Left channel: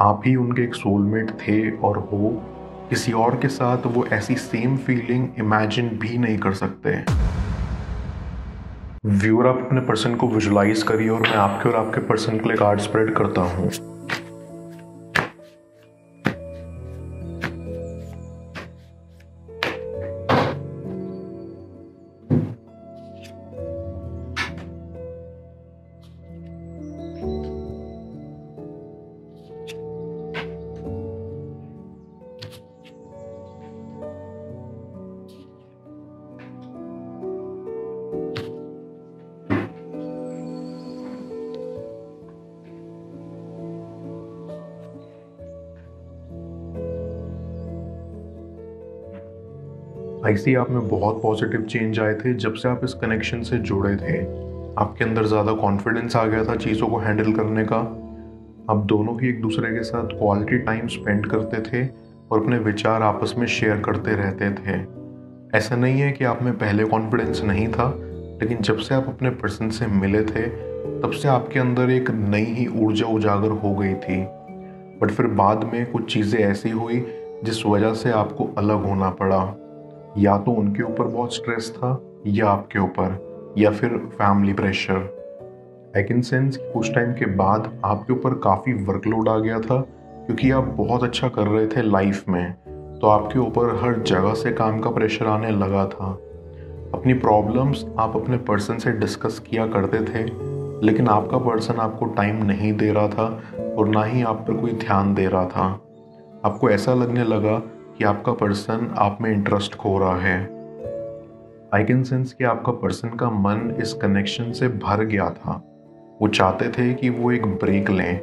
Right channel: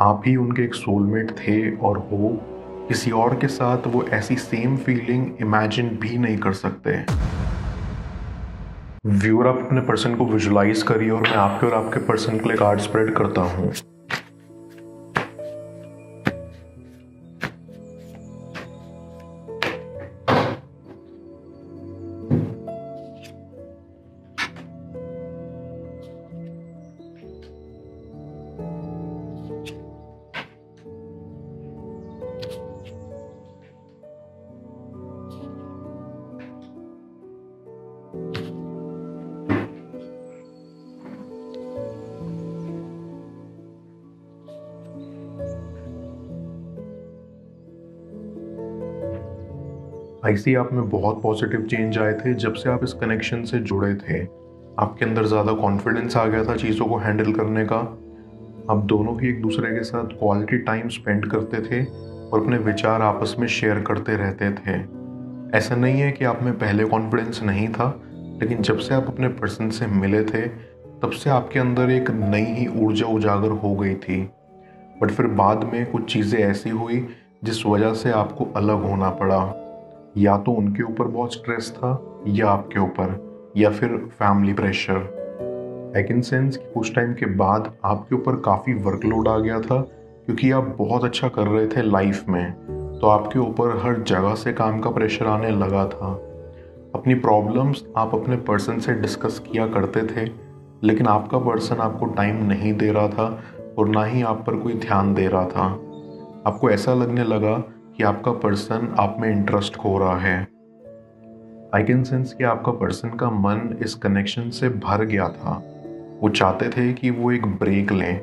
आप ही उनके एक सोलमेट थे और हो किसी और के साथ वो ऐसी सेम फीलिंग इमेजिन भी नहीं कर सकते। व्यूअर, आप अपने पर्सन को विजुलाइज करिए और मैं आपके और आपके पर्सन के लिए कार्ड स्प्रेड करता हूँ। ऐसे ही आप में बहुत पॉजिटिव चेंज आए थे जब से आप इस कनेक्शन से जुड़े थे। आपके अंदर ज़्यादा कॉन्फिडेंस आ गया था चीज़ों को हैंडल करने का। आप दोनों ही एक दूसरे के साथ क्वालिटी टाइम स्पेंड करते थे और अपने विचार आपस में शेयर करते रहते थे। ऐसा नहीं है कि आप में पहले कॉन्फिडेंस नहीं था, लेकिन जब से आप अपने पर्सन से मिले थे तब से आपके अंदर एक नई ही ऊर्जा उजागर हो गई थी। बट फिर बाद में कुछ चीज़ें ऐसी हुई जिस वजह से आपको अलग होना पड़ा। या तो उनके ऊपर बहुत स्ट्रेस था या आपके ऊपर, या फिर family pressure. I can sense कि कुछ टाइम के बाद आपके ऊपर काफ़ी वर्कलोड आ गया था, क्योंकि आप बहुत अच्छा कर रहे थे लाइफ में, तो आपके ऊपर हर जगह से काम का प्रेशर आने लगा था। अपनी प्रॉब्लम्स आप अपने पर्सन से डिस्कस किया करते थे, लेकिन आपका पर्सन आपको टाइम नहीं दे रहा था और ना ही आप पर कोई ध्यान दे रहा था। आपको ऐसा लगने लगा कि आपका पर्सन आप में इंटरेस्ट खो रहा है। आई कैन सेंस कि आपका पर्सन का मन इस कनेक्शन से भर गया था। वो चाहते थे कि वो एक ब्रेक लें।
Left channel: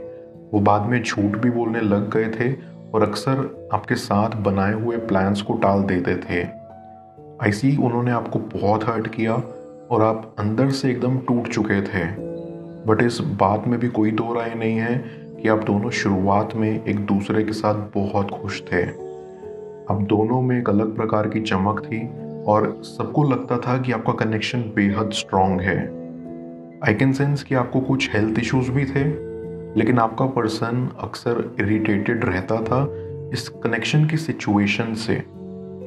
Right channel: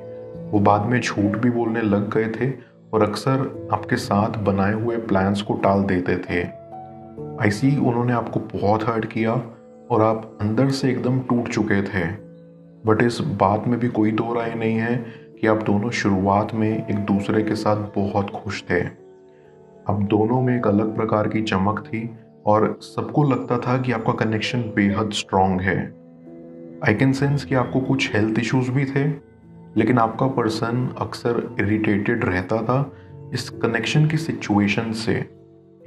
वो बाद में झूठ भी बोलने लग गए थे और अक्सर आपके साथ बनाए हुए प्लान्स को टाल देते थे। ऐसे ही उन्होंने आपको बहुत हर्ट किया और आप अंदर से एकदम टूट चुके थे। बट इस बात में भी कोई दो राय नहीं है कि आप दोनों शुरुआत में एक दूसरे के साथ बहुत खुश थे। अब दोनों में एक अलग प्रकार की चमक थी और सबको लगता था कि आपका कनेक्शन बेहद स्ट्रांग है। आई कैन सेंस कि आपको कुछ हेल्थ इश्यूज भी थे, लेकिन आपका पर्सन अक्सर इरिटेटेड रहता था इस कनेक्शन की सिचुएशन से,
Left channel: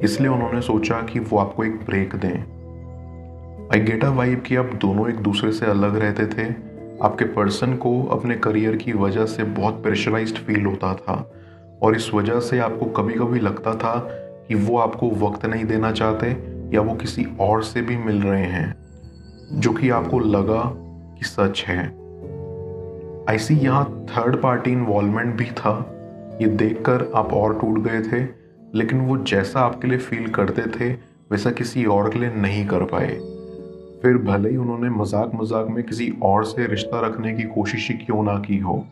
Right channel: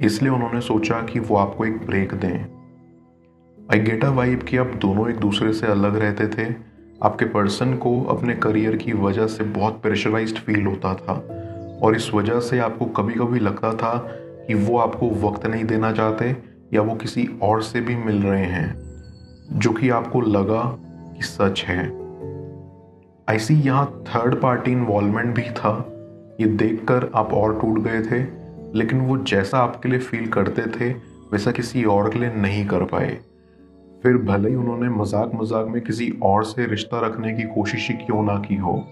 इसलिए उन्होंने सोचा कि वो आपको एक ब्रेक दें। आई गेट अ वाइब कि आप दोनों एक दूसरे से अलग रहते थे। आपके पर्सन को अपने करियर की वजह से बहुत प्रेशराइज्ड फील होता था और इस वजह से आपको कभी कभी लगता था कि वो आपको वक्त नहीं देना चाहते या वो किसी और से भी मिल रहे हैं, जो कि आपको लगा कि सच है। ऐसी यहाँ थर्ड पार्टी इन्वॉल्वमेंट भी था। ये देखकर आप और टूट गए थे, लेकिन वो जैसा आपके लिए फील करते थे वैसा किसी और के लिए नहीं कर पाए। फिर भले ही उन्होंने मजाक मजाक में किसी और से रिश्ता रखने की कोशिश क्यों ना की हो,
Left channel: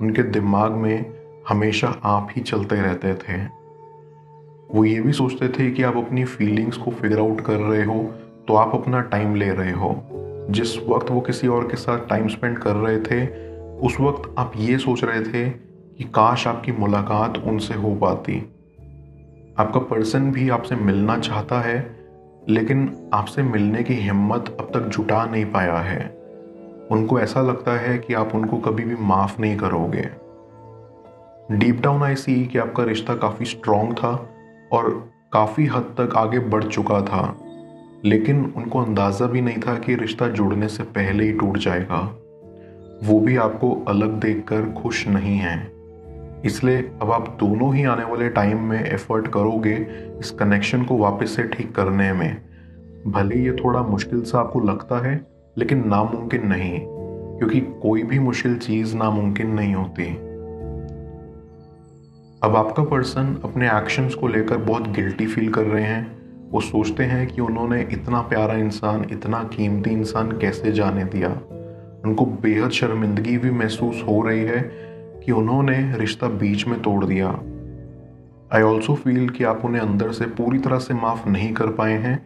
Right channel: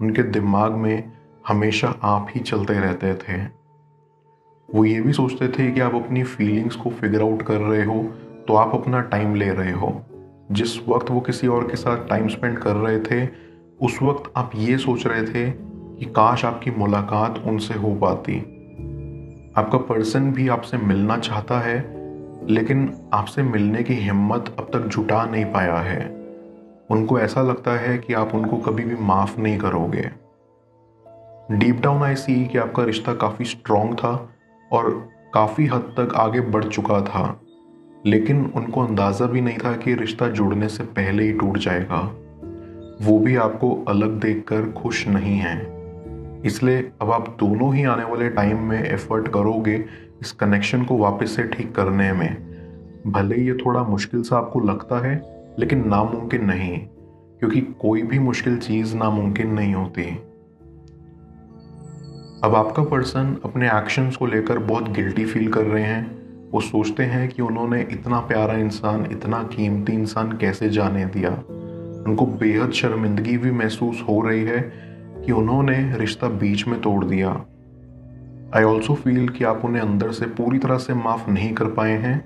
उनके दिमाग में हमेशा आप ही चलते रहते थे। वो ये भी सोचते थे कि आप अपनी फीलिंग्स को फिगर आउट कर रहे हो तो आप अपना टाइम ले रहे हो। जिस वक्त वो किसी और के साथ टाइम स्पेंड कर रहे थे, उस वक्त आप ये सोच रहे थे कि काश आपकी मुलाकात उनसे हो पाती। आपका पर्सन भी आपसे मिलना चाहता है, लेकिन आपसे मिलने की हिम्मत अब तक जुटा नहीं पाया है। उनको ऐसा लगता है कि आप उनको कभी भी माफ नहीं करोगे। डीप डाउन आई सी कि आपका रिश्ता काफी स्ट्रांग था और काफी हद तक आगे बढ़ चुका था, लेकिन उनको अंदाजा भी नहीं था कि रिश्ता जुड़ने से पहले ही टूट जाएगा। वो भी आपको अलग देखकर खुश नहीं है, इसलिए अब आप दोनों ही आने वाले टाइम में एफर्ट करोगे इस कनेक्शन को वापस से ठीक करने में। भले ये थोड़ा मुश्किल सा आपको लगता है, लेकिन नामुमकिन नहीं, क्योंकि कोई भी मुश्किल चीज नामुमकिन नहीं होती। अब आपका पर्सन अपने एक्शंस को लेकर बहुत गिल्टी फील कर रहे हैं। वो सोचते हैं कि उन्होंने इतना प्यारा इंसान, इतना कीमती इंसान कैसे जाने दिया। उनको बेहद शर्मिंदगी भी महसूस हो रही है कि उन्होंने रिश्ता बीच में तोड़ दिया। आई ऑल्सो फील कि आप उन्हें अंदर से पूरी तरह से माफ नहीं कर पाए हैं,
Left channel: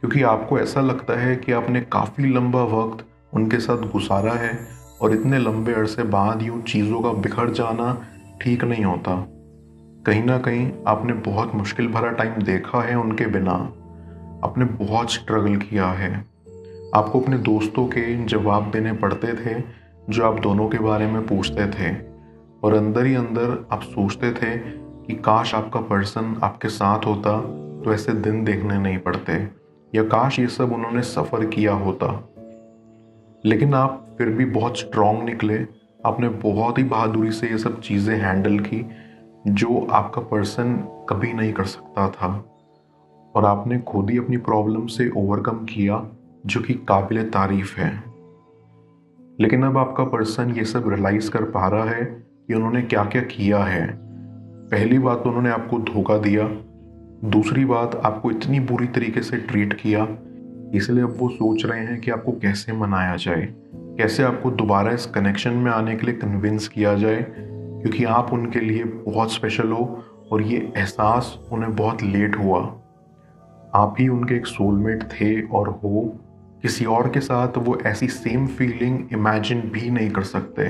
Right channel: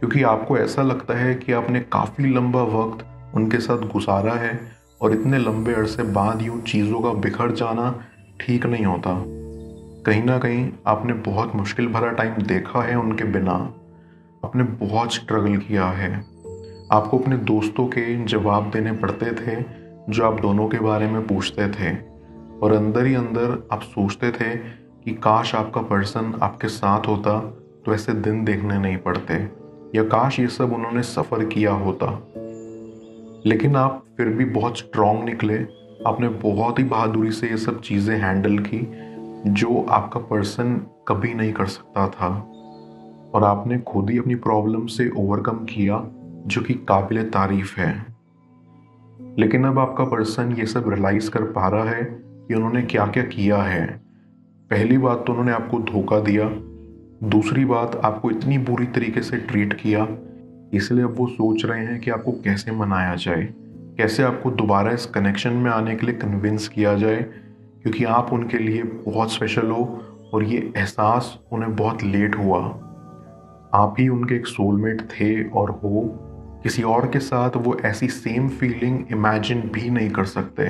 क्योंकि आपको ऐसा लगता है कि आपने काफी लंबा वक्त उनके साथ गुजारा है और इतने लंबे अरसे बाद यूं चीजों का बिखर जाना ठीक नहीं होता। कहीं ना कहीं आपने बहुत मुश्किल भरा टाइम देखा है उनके बिना। आपने बहुत स्ट्रगल किया है। आपको अपने दोस्तों के जवाब देने पड़ते थे जो आप दोनों के बारे में पूछते थे। और अंदर ही अंदर आप सोचते थे कि काश आपका पर्सन आपके साथ होता तो ऐसे दिन देखने नहीं पड़ते, या काश ये सब उन्होंने सफर किया होता। लेकिन आप फिर भी बहुत स्ट्रांग निकले। आपने बहुत ही बहादुरी से ये सब चीजें हैंडल की जो आपका पर्सन कभी नहीं कर सकता था, और आपने खुद ही अपनी प्रॉब्लम से ओवरकम किया, जो कि काबिले तारीफ है। लेकिन अब आपका पर्सन ये सब रियलाइज कर पा रहा है कि उन्होंने क्या क्या किया है। पहली बात तो उन्होंने आपको धोखा दिया, दूसरी बात आपको इतनी बुरी तरीके से ट्रीट किया, इसलिए अब वो सोच रहे हैं कि आपको कैसे मनाया जाए, कैसे आपको दोबारा इस कनेक्शन में आने के लिए कन्विंस किया जाए, क्योंकि आप उनके लिए बहुत स्पेशल हो और ये एहसास उन्हें बहुत लेट हुआ। आप ही उनके एक सोलमेट थे और हो, किसी और के साथ वो ऐसी सेम फीलिंग इमेजिन भी नहीं कर सकते।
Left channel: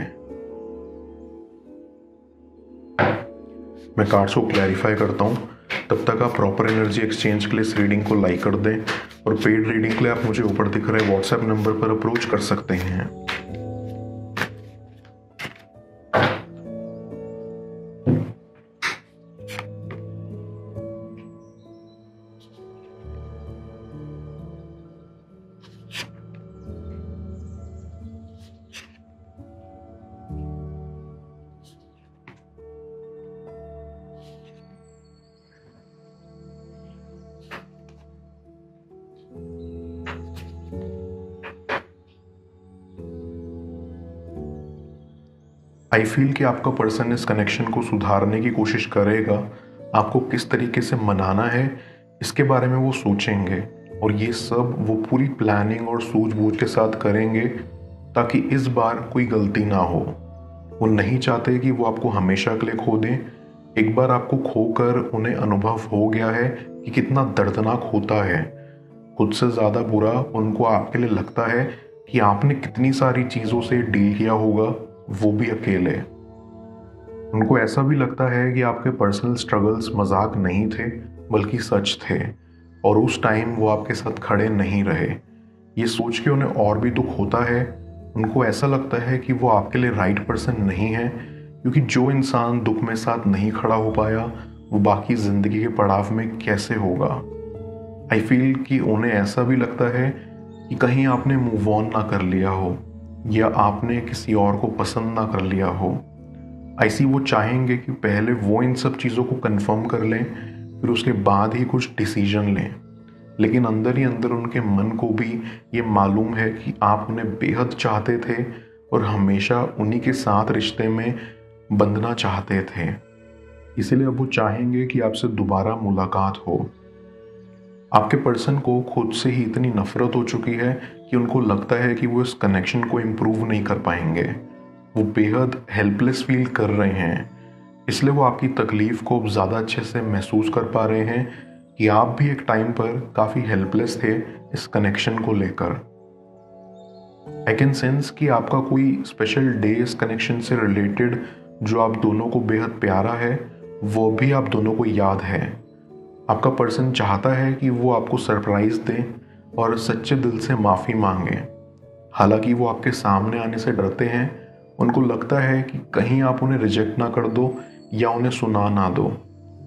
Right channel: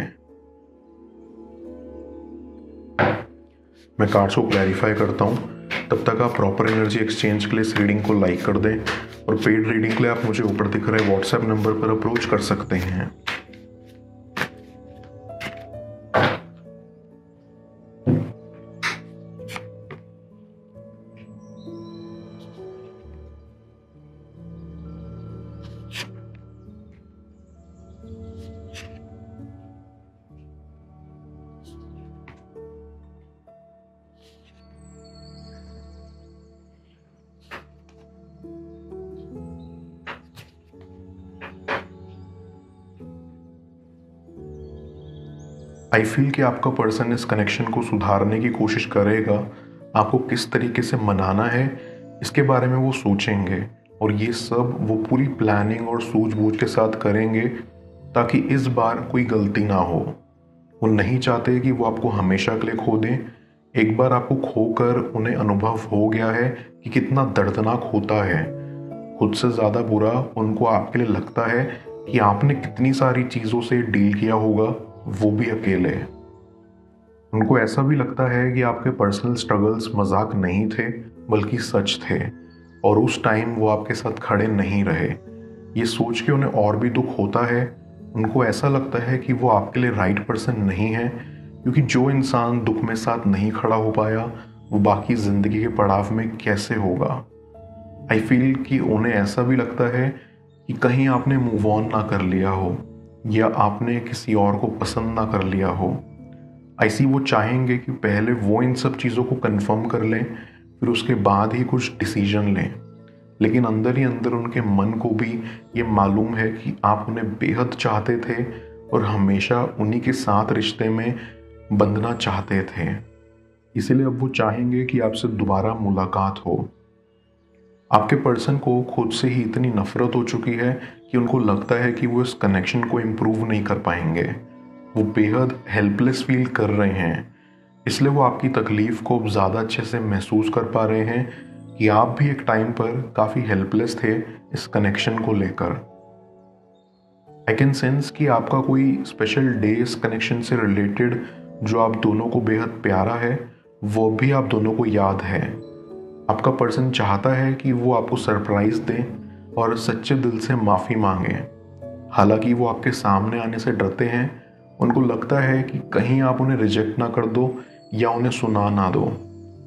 मैं कार्ड्स को क्लैरिफाई करता हूँ, तब तक आप प्रॉपर एनर्जी एक्सचेंज के लिए इस रीडिंग को लाइक कर दें, और पेड रीडिंग के लिए आप मुझे ऊपर दिख रहे व्हाट्सएप नंबर पर अप्रोच कर सकते हैं। आई फील कि आपका पर्सन इस कनेक्शन को सुधारने की कोशिश करेगा। आपको किस तरीके से मनाना है इसके बारे में वो सोचेंगे, और ये सब वो पूरी प्लानिंग और सूझबूझ के साथ करेंगे ताकि इस बार कोई गलती ना हो। वो नहीं चाहते कि वो आपको हमेशा के लिए खो दें। एक बार आपको खोकर उन्हें अनुभव हो गया है कि कितना दर्दनाक होता है। खुद से ज्यादा बुरा उनको आपके लिए लगता है कि आपने कितनी सारी चीजों से डील किया होगा, वो भी अकेले। उनको ऐसा भी लगता है कि आपके पर्सनल स्ट्रगल्स मजाक नहीं थे बल्कि सच थे, और उस टाइम वो आपके साथ खड़े नहीं रहे। ये सोच के उन्हें और भी दुख होता है। उनको ऐसा लगता है कि वो आपके लिए राइट पर्सन नहीं है, क्योंकि जो इंसान दुख में साथ नहीं खड़ा हो पाया वो बाकी जिंदगी के पड़ाव में कैसे होगा। आई फील कि उन्हें ऐसा भी लगता है कि कहीं आपने मूव ऑन ना कर लिया हो, या आपने किसी और को पसंद ना कर लिया हो। ऐसी वो चाहेंगे कि पहले वो इन सब चीज़ों को कंफर्म कर लें, फिर उसके बाद ही कुछ डिसीजन लें। लेकिन अंदर ही अंदर उनके मन को भी ये मालूम है कि आप उन्हें बेहद चाहते थे और हमेशा उन्हीं के साथ रिश्ते में बंधना चाहते थे। इसीलिए अब वो चाहेंगे कि आपसे दोबारा मुलाकात हो। आपके पर्सन को खुद से ही इतनी नफरत हो चुकी है कि उनको लगता है कि वो इस कनेक्शन को इम्प्रूव नहीं कर पाएंगे। वो बेहद हेल्पलेस फील कर रहे हैं, इसलिए वो आपकी तकलीफ को अब ज़्यादा अच्छे से महसूस कर पा रहे हैं कि आप भी एक टाइम पर काफ़ी हेल्पलेस थे इस कनेक्शन को लेकर। आई कैन सेंस कि आपका कोई स्पेशल डे इस कनेक्शन से रिलेटेड जो आप दोनों को बेहद प्यारा है, वो भी आप दोनों को याद है। आपका पर्सन चाहता है कि वो आपको सरप्राइज दे और सच्चे दिल से माफी मांगे। हालांकि वो आपके सामने आने से डरते हैं। उनको लगता है कि कहीं आप उन्हें रिजेक्ट ना कर दो या उन्हें सुना ना दो,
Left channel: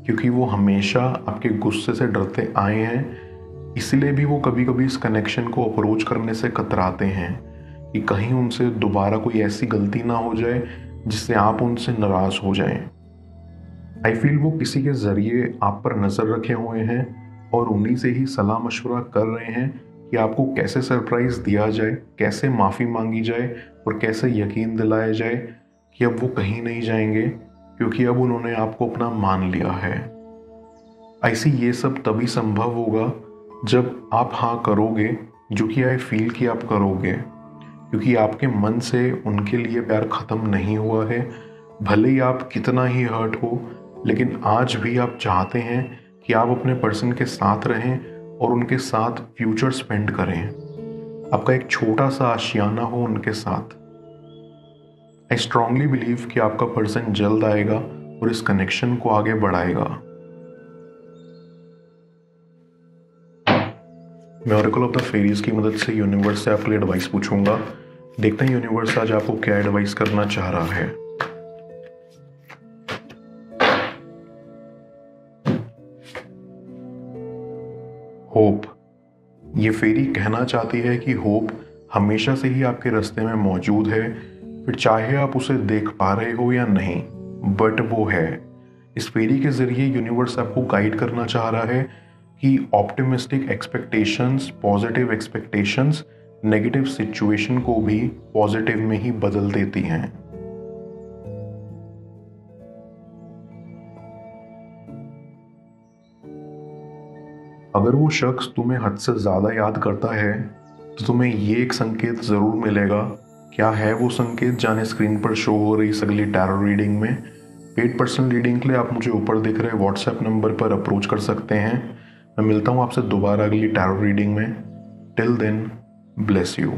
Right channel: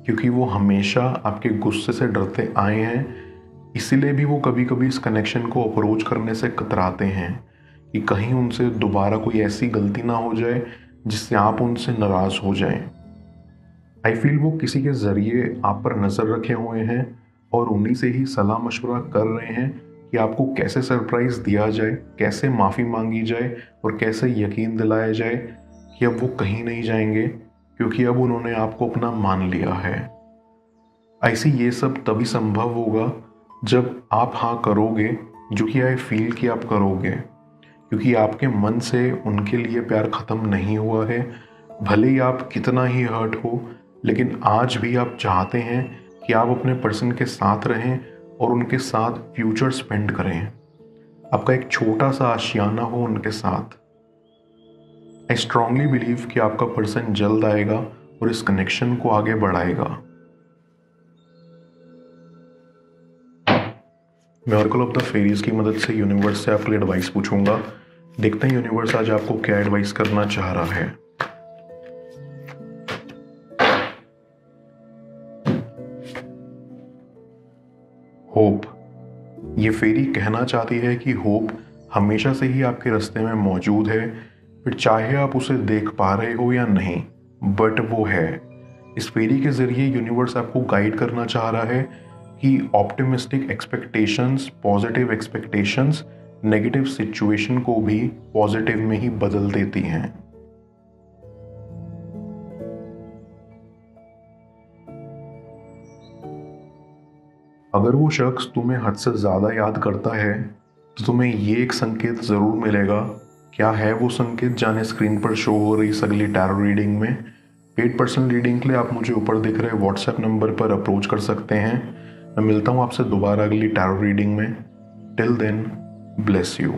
क्योंकि वो हमेशा आपके गुस्से से डरते आए हैं। इसीलिए भी वो कभी कभी इस कनेक्शन को अप्रोच करने से कतराते हैं कि कहीं उनसे दोबारा कोई ऐसी गलती ना हो जाए जिससे आप उनसे नाराज हो जाएं। आई फील वो किसी के जरिए आप पर नजर रखे हुए हैं और उन्हीं से ही सलाह मशवरा कर रहे हैं कि आपको कैसे सरप्राइज दिया जाए, कैसे माफी मांगी जाए और कैसे यकीन दिलाया जाए कि अब वो कहीं नहीं जाएंगे, क्योंकि अब उन्होंने आपको अपना मान लिया है। ऐसे ये सब तभी संभव होगा जब आप हाँ करोगे, जो कि आई फील कि आप करोगे, क्योंकि आपके मन से उनके लिए प्यार खत्म नहीं हुआ है। भले ही आप कितना ही हर्ट हो, लेकिन आज भी आप चाहते हैं कि आप अपने पर्सन के साथ रहें और उनके साथ फ्यूचर स्पेंड करें। आपका एक छोटा सा आशियाना हो उनके साथ। आई स्ट्रांगली बिलीव कि आपका पर्सन जल्द आएगा और इस कनेक्शन को आगे बढ़ाएगा। मैं ऑरेकल ऑफ द फेरीज की मदद से यूनिवर्स से आपके लिए एडवाइस पूछूंगा। देखते हैं यूनिवर्स आज आपको क्या एडवाइस करना चाह रहा है। होप। ये फेरी कहना चाहती है कि होप हमेशा से ही आपके रास्ते में मौजूद है, फिर चाहे आप उसे देख पा रहे हो या नहीं, बट वो है। इस फेरी के जरिए यूनिवर्स आपको गाइड करना चाह रहा है कि optimistic expectations, positive expectations negative situation को भी पॉजिटिव में ही बदल देती हैं। अगर वो शख्स तुम्हें हद से ज्यादा याद करता है तो तुम्हें ये एक संकेत जरूर मिलेगा। क्या है वो संकेत, जाने स्क्रीन पर शो हो रही इस अगली टैरो रीडिंग में। 8% रीडिंग के लिए आप मुझे ऊपर दिख रहे व्हाट्सएप नंबर पर अप्रोच कर सकते हैं। मैं मिलता हूँ आपसे दोबारा अगली टैरो रीडिंग में। Till then, bless you.